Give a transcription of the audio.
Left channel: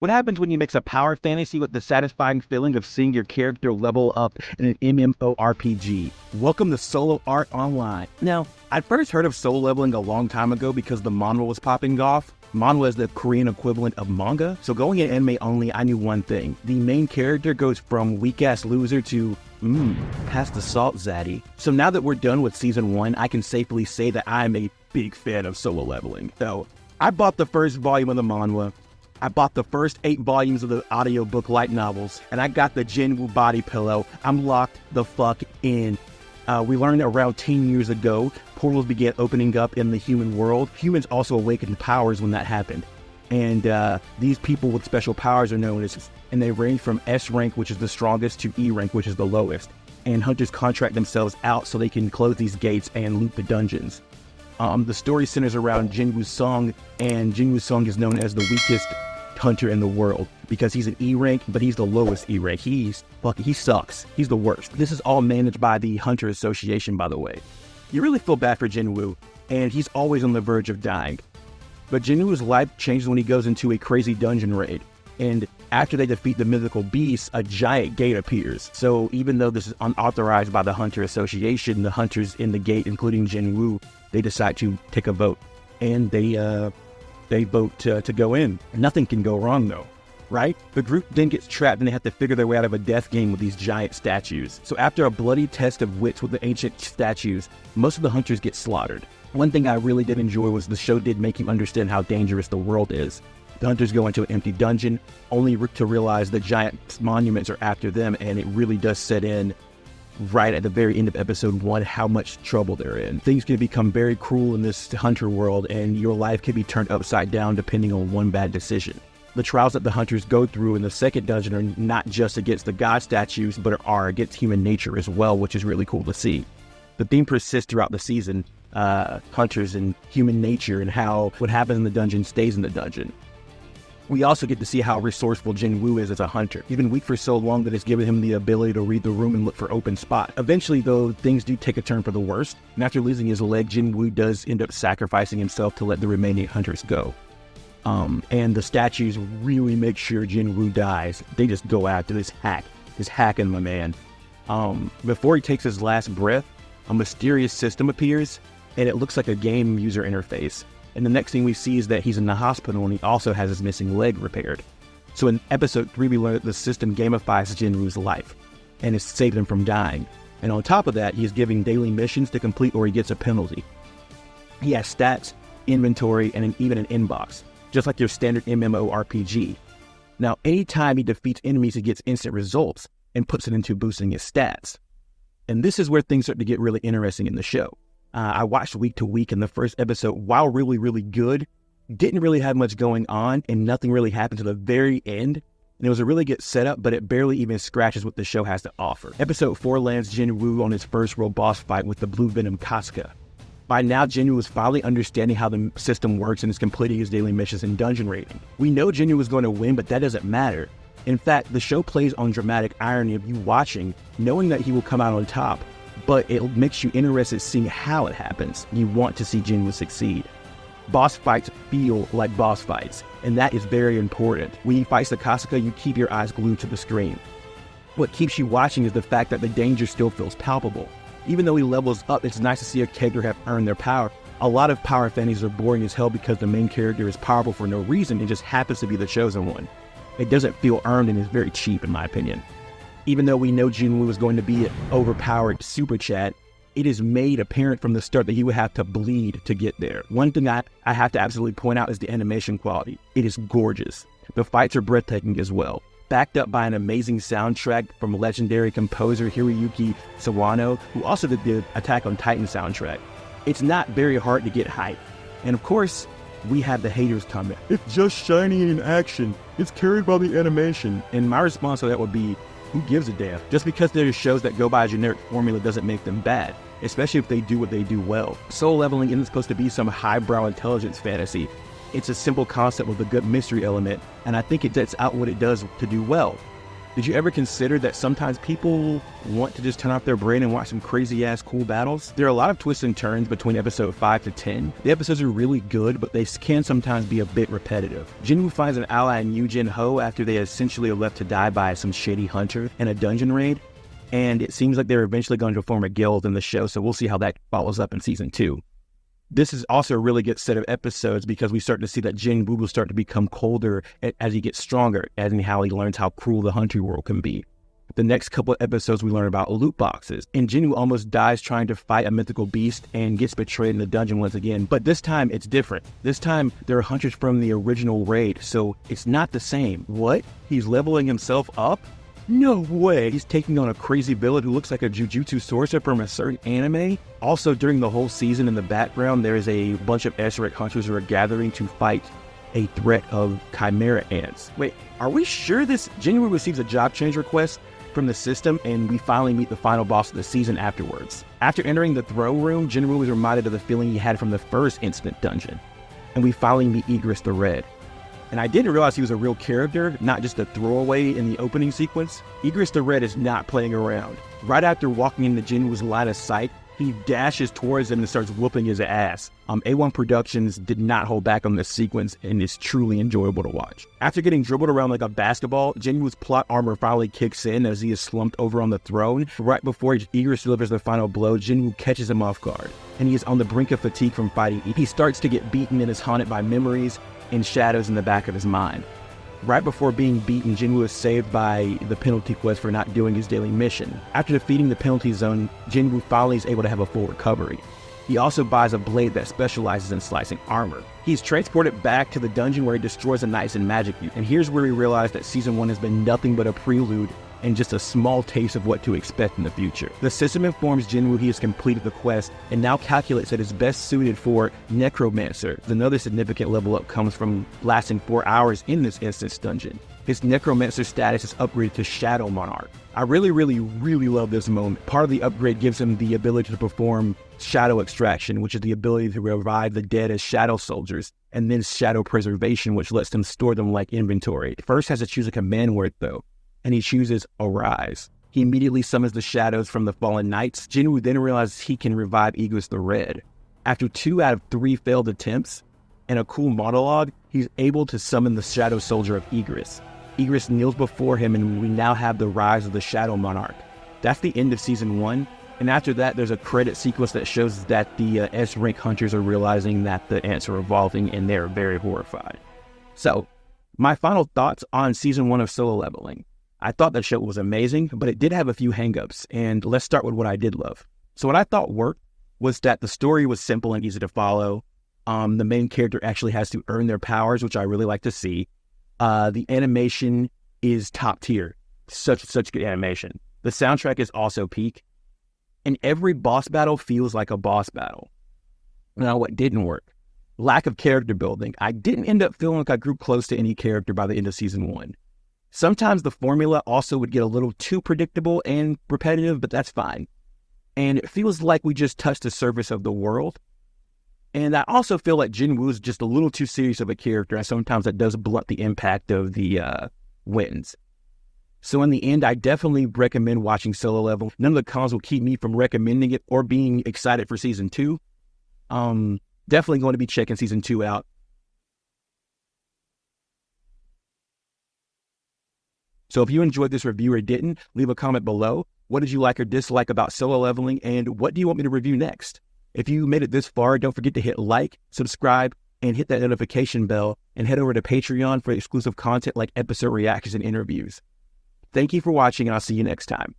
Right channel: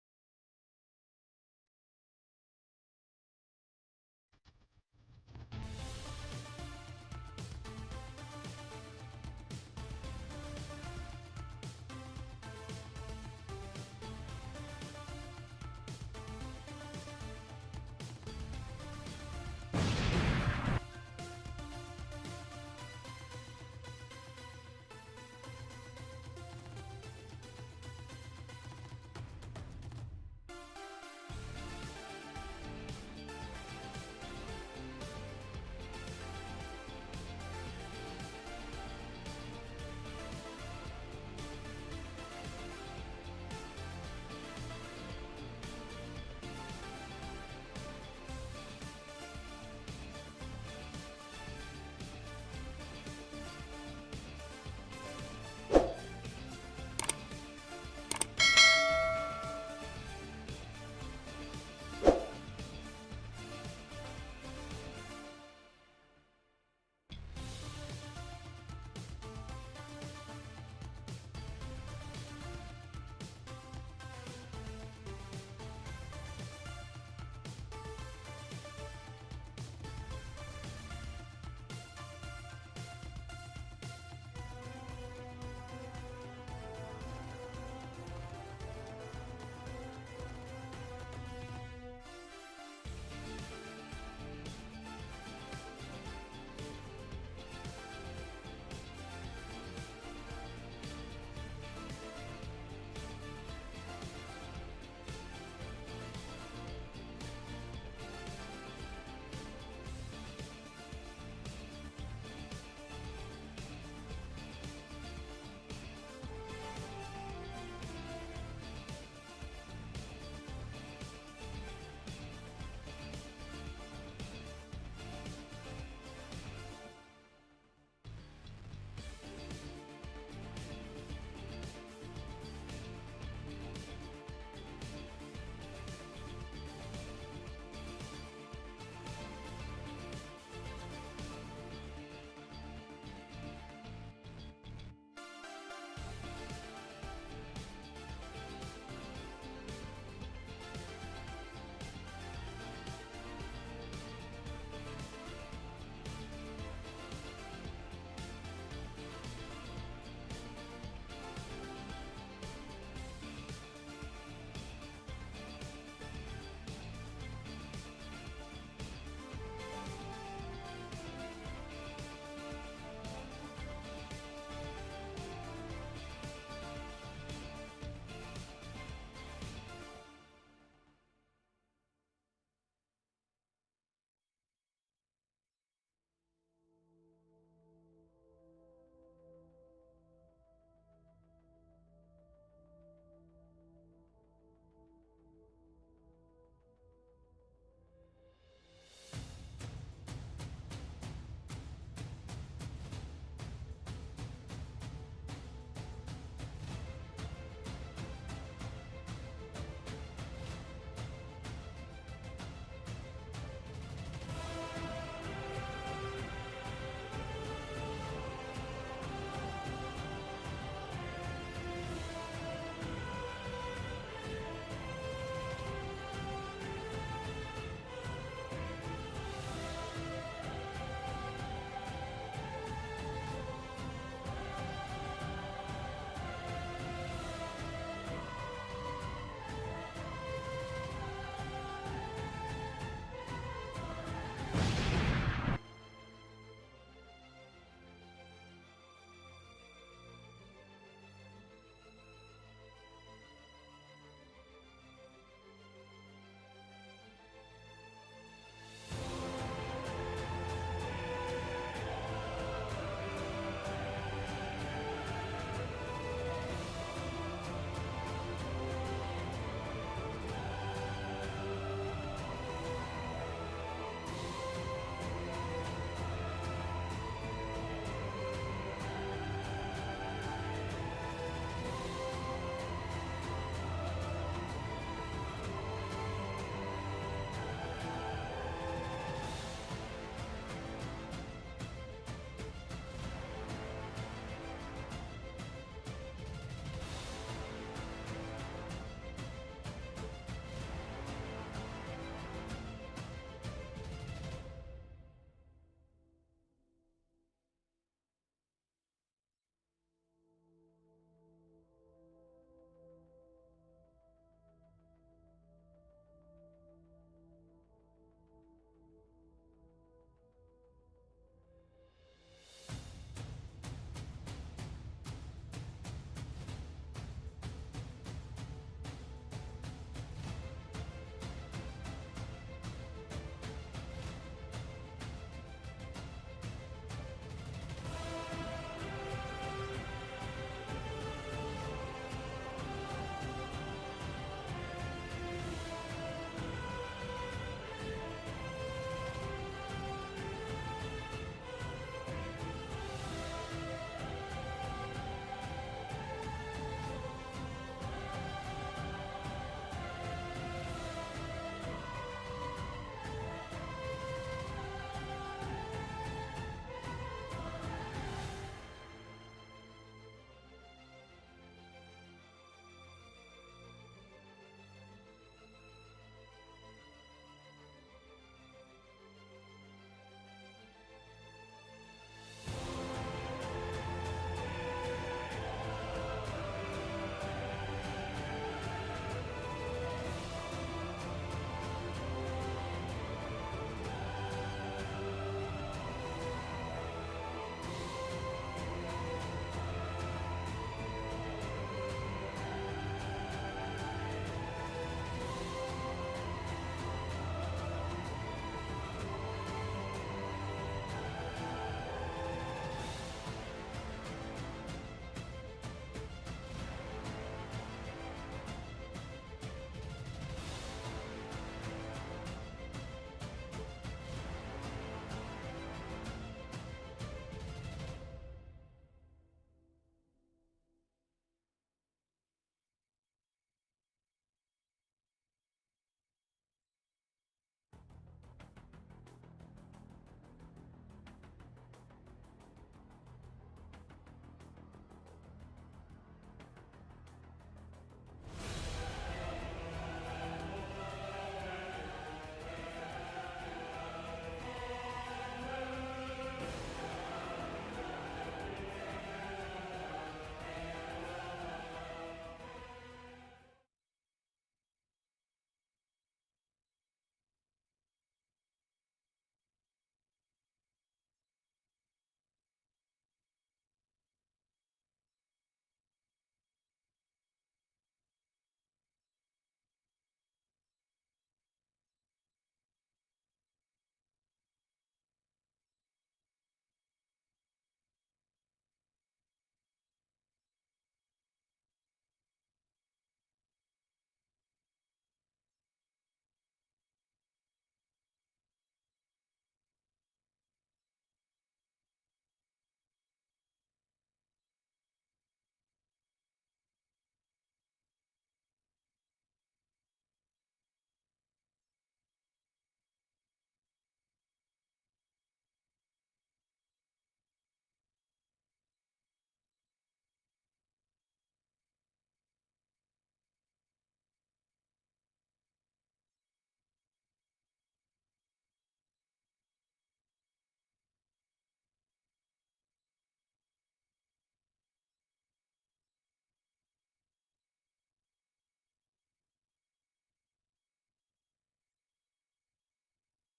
What happens when you mix a power fantasy with the satisfying feeling of seeing your character level up in an MMORPG? Welcome to Solo Art Online. Now, I'd first heard of solo leveling a long time ago because the manhwa was popping off. Manhwa is the Korean equivalent of manga, so going in anime only, I knew one thing. The main character goes from weak-ass loser to, pass the salt zaddy. So now that we're done with Season 1, I can safely say that I'm a big fan of solo leveling. So, I bought the first volume of the manhwa, I bought the first 8 volumes of the audiobook light novels, and I got the Jinwoo body pillow. I'm locked the fuck in. We learned around 10 years ago, portals began opening up in the human world. Humans also awakened powers when that happened. And these people with special powers are known as, and they range from S rank, which is the strongest, to E rank, which is the lowest. And hunters contract themselves out so they can close these gates and loot the dungeons. The story centers around Jinwoo Song, and Jinwoo Song is known as the weakest hunter in the world because he's an E rank, but he's the lowest E rank. He sucks. He's the worst. This is all managed by the Hunter Association, by the way. You really feel bad for Jinwoo, and he's always on the verge of dying. But Jinwoo's life changes when he goes into a crazy dungeon raid. And after they defeat the mythical beast, a giant gate appears. So even though this is unauthorized by the Hunter Association, the hunters in the gate, including Jinwoo, they decide to take a vote. And they vote to go in. Nothing can go wrong though, right? The group then gets trapped and they have to figure their way out of a death game with these giant statues. So after a bloody test of wits with the ancient statues, most of the hunters get slaughtered. One thing I really did enjoy was the show did make you understand how dangerous the world is. The hunters go into an empty dungeon, only to realize the giant monuments are after them, and it really does set in right at the very end of episode 1 how much trouble they're in. Things can become very cruel in this hunter world, and your life can be turned upside down depending on one bad decision. The trials that the hunters go through in the second dungeon are not just against the god statues, but are against human nature as well, which is really cool to see. The theme persists throughout the season, hunters and human nature, and how what happens in the dungeon stays in the dungeon. We also get to see how resourceful Jinwoo is as a hunter. He's been weak for so long that it's given him the ability to read the room and look for open spots. Eventually, though, things do take a turn for the worse, and after losing his leg, Jinwoo does end up sacrificing himself to let the remaining hunters go. And the statues really make sure Jinwoo dies. They just go after this hacking my man. Before he takes his last breath, a mysterious system appears, and it looks like a game user interface. And the next thing we see is that he's in the hospital and he also has his missing leg repaired. So in episode 3, we learn that the system gamifies Jinwoo's life and has saved him from dying. And on top of that, he is giving daily missions to complete or he gets a penalty. He has stats, inventory, and even an inbox, just like your standard MMORPG. Now, anytime he defeats enemies, he gets instant results and puts it into boosting his stats. And this is where things start to get really interesting in the show. I watched week to week, and the first episode, while really, really good, didn't really have much going on, and nothing really happened to the very end. And it was a really good setup, but it barely even scratches what the show has to offer. Episode 4 lands Jinwoo on his first real boss fight with the Blue Venom Casca. By now, Jinwoo is finally understanding how the system works and is completing his daily missions and dungeon raiding. We know Jinwoo is going to win, but that doesn't matter. In fact, the show plays on dramatic irony of you watching, knowing that he will come out on top, but it makes you interested seeing how it happens. You want to see Jinwoo succeed. Boss fights feel like boss fights, and that is very important. When he fights the Casca, you keep your eyes glued to the screen. What keeps you watching is the fact that the danger still feels palpable. Even though he levels up, it's nice to see a character have earned their power. A lot of power fantasies are boring as hell because the main character is powerful for no reason and just happens to be the chosen one. It doesn't feel earned and is very cheap in my opinion. Even though we know Jinwoo is going to be an overpowered super chat, it is made apparent from the start that he would have to bleed to get there. One thing I have to absolutely point out is the animation quality. It is gorgeous. The fights are breathtaking as well. Backed up by an amazing soundtrack from legendary composer Hiroyuki Sawano, who also did the Attack on Titan soundtrack. It's not very hard to get hype. And of course, we have the haters comment. It's just shiny in action. It's carried by the animation. And my response to that would be, who gives a damn? Just because there are shows that go by a generic formula doesn't make them bad, especially if they do what they do well. Soul leveling isn't supposed to be some highbrow intelligence fantasy. It's a simple concept with a good mystery element, and I think it sets out what it does to do well. Did you ever consider that sometimes people want to just turn off their brain and watch some crazy-ass cool battles? There are a lot of twists and turns between episode 5 to 10. The episodes are really good, but they can sometimes be a bit repetitive. Jinwoo finds an ally in Yujin Ho after they essentially are left to die by some shady hunter in a dungeon raid, and it seems like they're eventually going to form a guild in the show, so we'll see how that follows up in season 2. This is also a really good set of episodes because we start to see that Jinwoo will start to become colder as he gets stronger, as in how he learns how cruel the hunting world can be. The next couple of episodes we learn about loot boxes, and Jinwoo almost dies trying to fight a mythical beast and gets betrayed in the dungeon once again, but this time it's different. This time there are hunters from the original raid, so it's not the same. What? He's leveling himself up? No way! He's taking on a crazy villain who looks like a jujutsu sorcerer from a certain anime? Also, during the whole season in the background, there is a bunch of Esrek hunters who are gathering to fight a threat of chimera ants. Wait, are we sure this Jinwoo receives a job change request from the system and we finally meet the final boss of the season afterwards? After entering the throne room, Jinwoo is reminded of the feeling he had from the first instant dungeon, and we finally meet Igris the Red. And I didn't realize he was a real character, not just a throwaway in the opening sequence. Igris the Red is not playing around. Right after walking into Jinwoo's line of sight, he dashes towards him and starts whooping his ass. A1 Productions did not hold back on this sequence, and it's truly enjoyable to watch. After getting dribbled around like a basketball, Jinwoo's plot armor finally kicks in as he is slumped over on the throne. Right before Igris delivers the final blow, Jinwoo catches him off guard, and he is on the brink of fatigue from fighting. He starts to get beaten and is haunted by memories and shadows in the back of his mind. Right before being beaten, Jinwoo is saved by the penalty quest for not doing his daily mission. After defeating the penalty zone, Jinwoo finally is able to have a full recovery. He also buys a blade that specializes in slicing armor. He's transported back to the dungeon where he destroys the knights and magic use. And here's where we realize that season 1 has been nothing but a prelude and just a small taste of what to expect in the future. The system informs Jinwoo he has completed the quest and now calculates that it's best suited for Necromancer. Another significant level up comes from lasting 4 hours in this instance dungeon. His Necromancer status is upgraded to Shadow Monarch. I really love this moment. Part of the upgrade gives him the ability to perform Shadow Extraction, which is the ability to revive the dead as Shadow Soldiers, and then Shadow Preservation, which lets them store them like inventory. First has to choose a command word though, and he chooses Arise. He immediately summons the shadows from the fallen knights. Jinwoo then realizes he can revive Igris the Red. After 2 out of 3 failed attempts and a cool monologue, he's able to summon the Shadow Soldier of Igris. Igris kneels before him, and we now have the rise of the Shadow Monarch. That's the end of season 1, and after that there's a credit sequence that shows that the S-rank hunters are realizing that the ants are evolving, and they're very horrified. So, my final thoughts on season 1 of Solo Leveling. I thought that show was amazing, but it did have a few hangups, and let's start with what I did love. So what I thought worked was that the story was simple and easy to follow. The main character actually has to earn their powers, which I really like to see. The animation is top tier. Such good animation. The soundtrack is also peak. And every boss battle feels like a boss battle. Now, what didn't work? Lack of character building. I didn't end up feeling like I grew close to any character by the end of season 1. Sometimes the formula also would get a little too predictable and repetitive, but that's fine. And it feels like we just touched the surface of the world. And I also feel like Jinwoo is just a little too serious of a character, and sometimes that does blunt the impact of the wins. So in the end, I definitely recommend watching Solo Level. None of the cons will keep me from recommending it or being excited for season 2. Definitely going to be checking season 2 out. So if you enjoyed this review or didn't, leave a comment below. What did you like or dislike about Solo Leveling, and what do you want me to review next? If you made it this far, don't forget to hit like, subscribe, and hit that notification bell, and head over to Patreon for exclusive content like episode reactions and interviews. Thank you for watching, and I'll see you next time.